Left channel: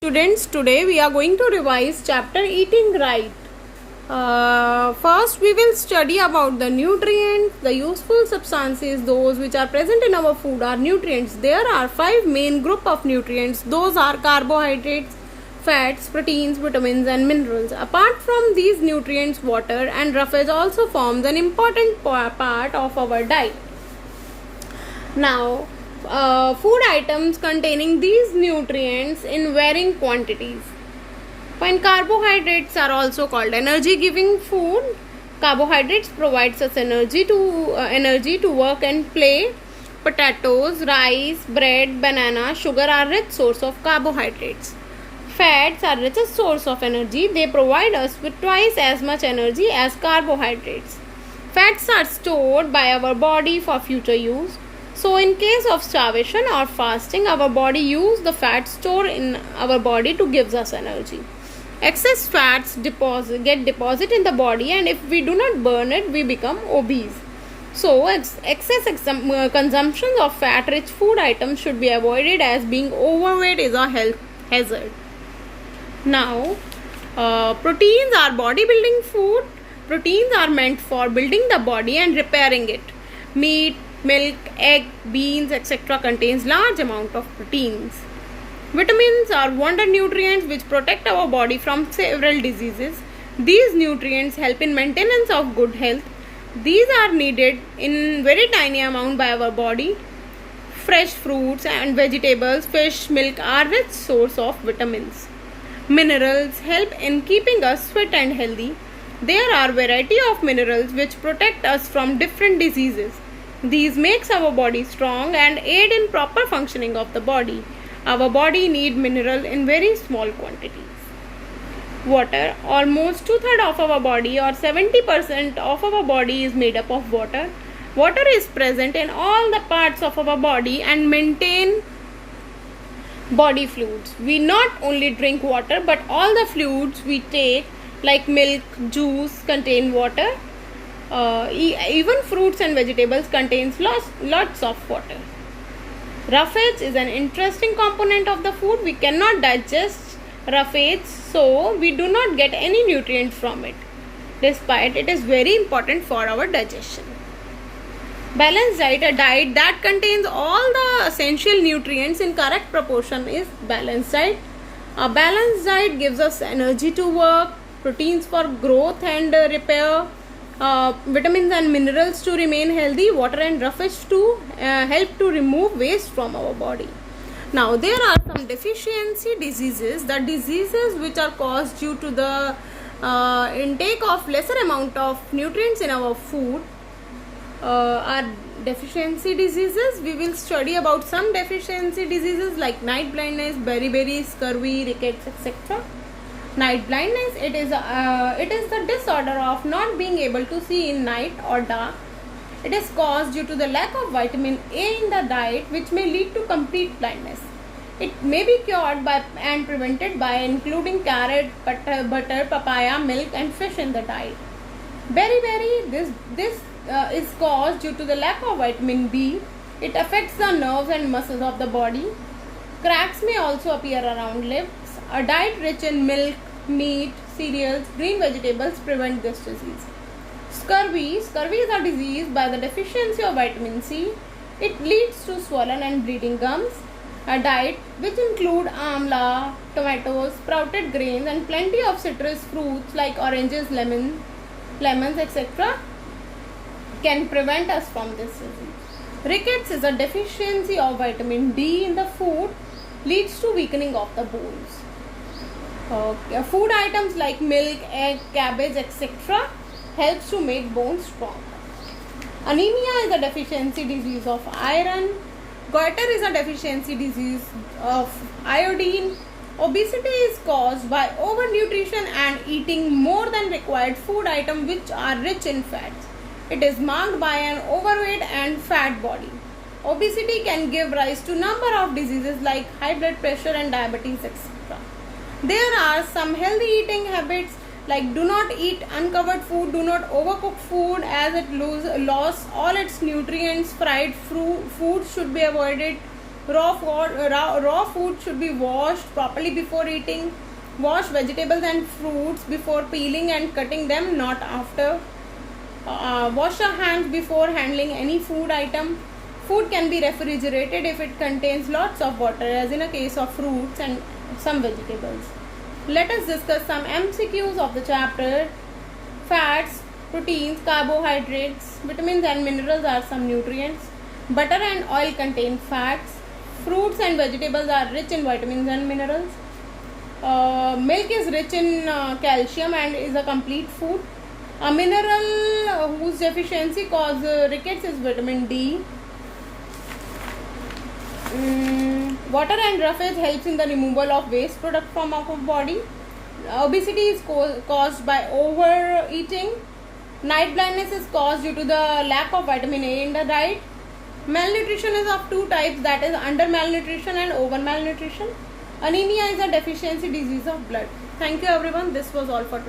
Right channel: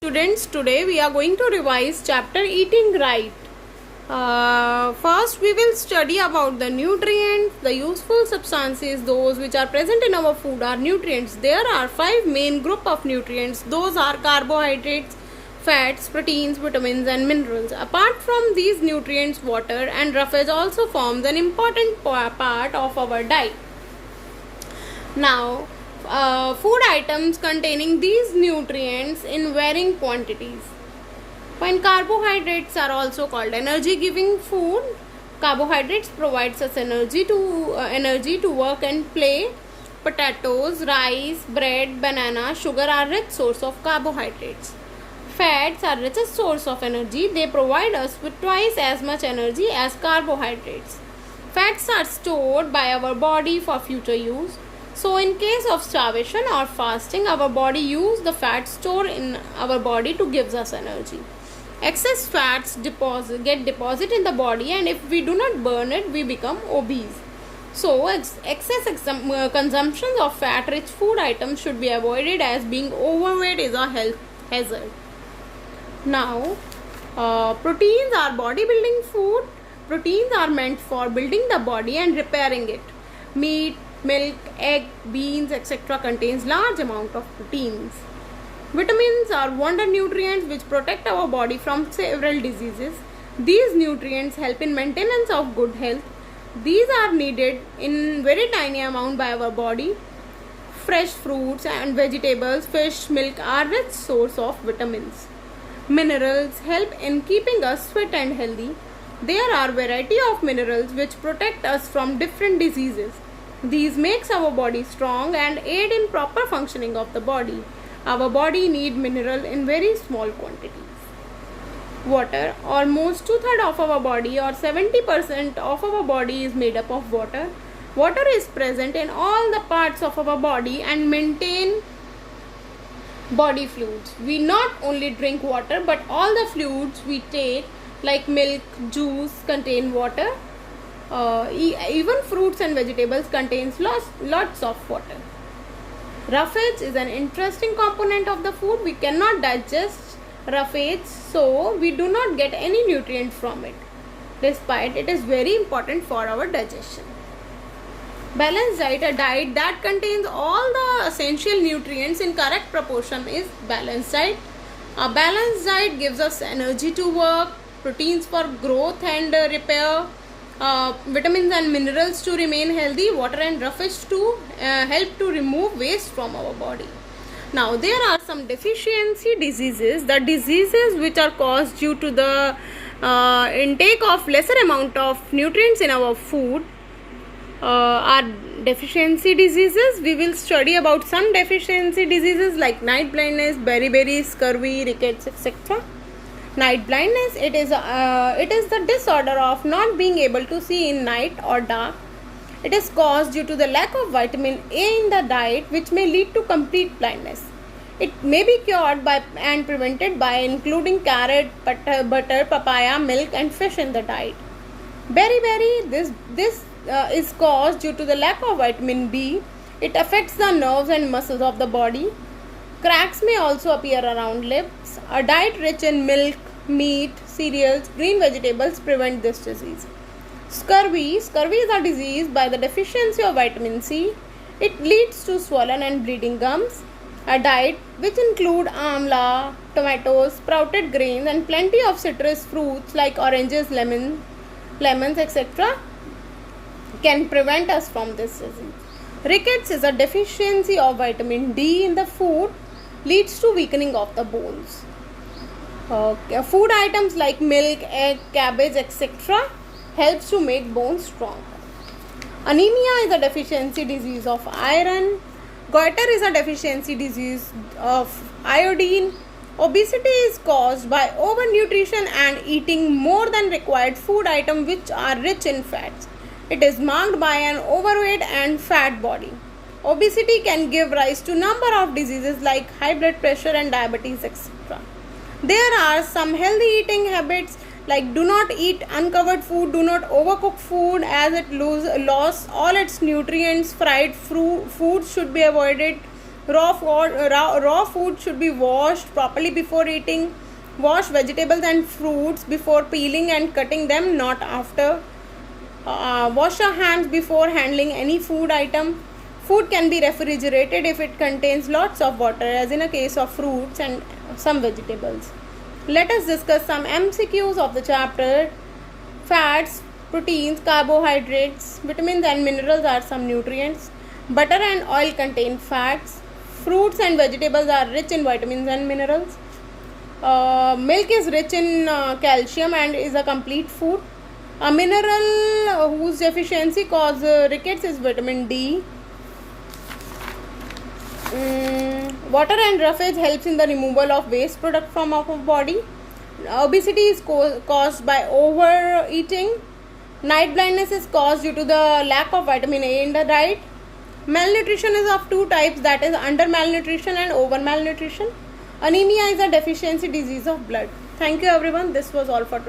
Students, today we are going to revise chapter Eating Right. First, we will study about the nutrients, the useful substances, those which are present in our food are nutrients. There are 5 main group of nutrients. Those are carbohydrates, fats, proteins, vitamins and minerals. Apart from these nutrients, water and roughage also forms an important part of our diet. Now, food items containing these nutrients in varying quantities. When carbohydrates are also called energy giving food, carbohydrates provides us energy to work and play. Potatoes, rice, bread, banana, sugar are rich source of carbohydrates. Fats are richest source of energy. They provide us with twice as much energy as carbohydrates. Fats are stored by our body for future use. So in case of starvation or fasting, our body use the fat stored in our body to gives us energy. Excess fats get deposit in the body, and if we do not burn it, we become obese. So excess consumption of fat-rich food items should be avoided, as being overweight is a health hazard. Now, proteins are bodybuilding food. Proteins are meant for building the body and repairing it. Meat, milk, egg, beans, etc. contains large amount of proteins. Vitamins are wonder nutrients which protect our body from several diseases. These nutrients help in maintenance of good health. These are needed in very tiny amount by our body. Fresh fruits and vegetables, fish, milk are rich source of vitamins. Minerals help in keeping us fit and healthy. There are variety of minerals which protect us from different diseases. These makes our body strong and aid in proper functioning of the body. Our body need mineral in very small quantities. Water. Almost 2/3 of our body or 70% of our body is made up of water. Water is present in all the parts of our body and maintain body fluids. We not only drink water, but all the fluids we take like milk, juice contain water. Even fruits and vegetables contains lots of water. Roughage is an interesting component of the food. We cannot digest roughage, so we do not get any nutrient from it, despite it is very important for our digestion. Balanced diet, a diet that contains all the essential nutrients in correct proportion, is balanced diet. A balanced diet gives us energy to work, proteins for growth and repair, vitamins and minerals to remain healthy, water and roughage to help to remove waste from our body. Now, there are some deficiency diseases. The diseases which are caused due to the intake of lesser amount of nutrients in our food are deficiency diseases. We will study about some deficiency diseases like night blindness, beriberi, scurvy, rickets, etc. Night blindness, it is the disorder of not being able to see in night or dark. It is caused due to the lack of vitamin A in the diet, which may lead to complete blindness. It may be cured by and prevented by including carrot, butter, papaya, milk and fish in the diet. Beriberi, this is caused due to the lack of vitamin B. It affects the nerves and muscles of the body. Cracks may also appear around lips. A diet rich in milk, meat, cereals, green vegetables prevent this disease. Scurvy is a disease by the deficiency of vitamin C. It leads to swollen and bleeding gums. A diet which include amla, tomatoes, sprouted grains and plenty of citrus fruits like oranges, lemons, etc. can prevent us from this disease. Rickets is a deficiency of vitamin D in the food, leads to weakening of the bones. Food items like milk, egg, cabbage, etc. helps to make bones strong. Anemia is a deficiency disease of iron. Goiter is a deficiency disease of iodine. Obesity is caused by overnutrition and eating more than required food items which are rich in fats. It is marked by an overweight and fat body. Obesity can give rise to number of diseases like high blood pressure and diabetes, etc. There are some healthy eating habits like do not eat uncovered food, do not overcook food as it loses all its nutrients. Fried foods should be avoided. Raw food should be washed properly before eating. Wash vegetables and fruits before peeling and cutting them, not after. Wash your hands before handling any food item. Food can be refrigerated if it contains lots of water, as in a case of fruits and some vegetables. Let us discuss some MCQs of the chapter. Fats, proteins, carbohydrates, vitamins and minerals are some nutrients. Butter and oil contain fats. Fruits and vegetables are rich in vitamins and minerals. Milk is rich in calcium and is a complete food. A mineral whose deficiency causes rickets is vitamin D. Water and roughage helps in the removal of waste product from our body. Obesity is caused by overeating. Night blindness is caused due to the lack of vitamin A in the diet. Malnutrition is of two types, that is under malnutrition and over malnutrition. Anemia is a deficiency disease of blood. Thank you everyone. This was all for today.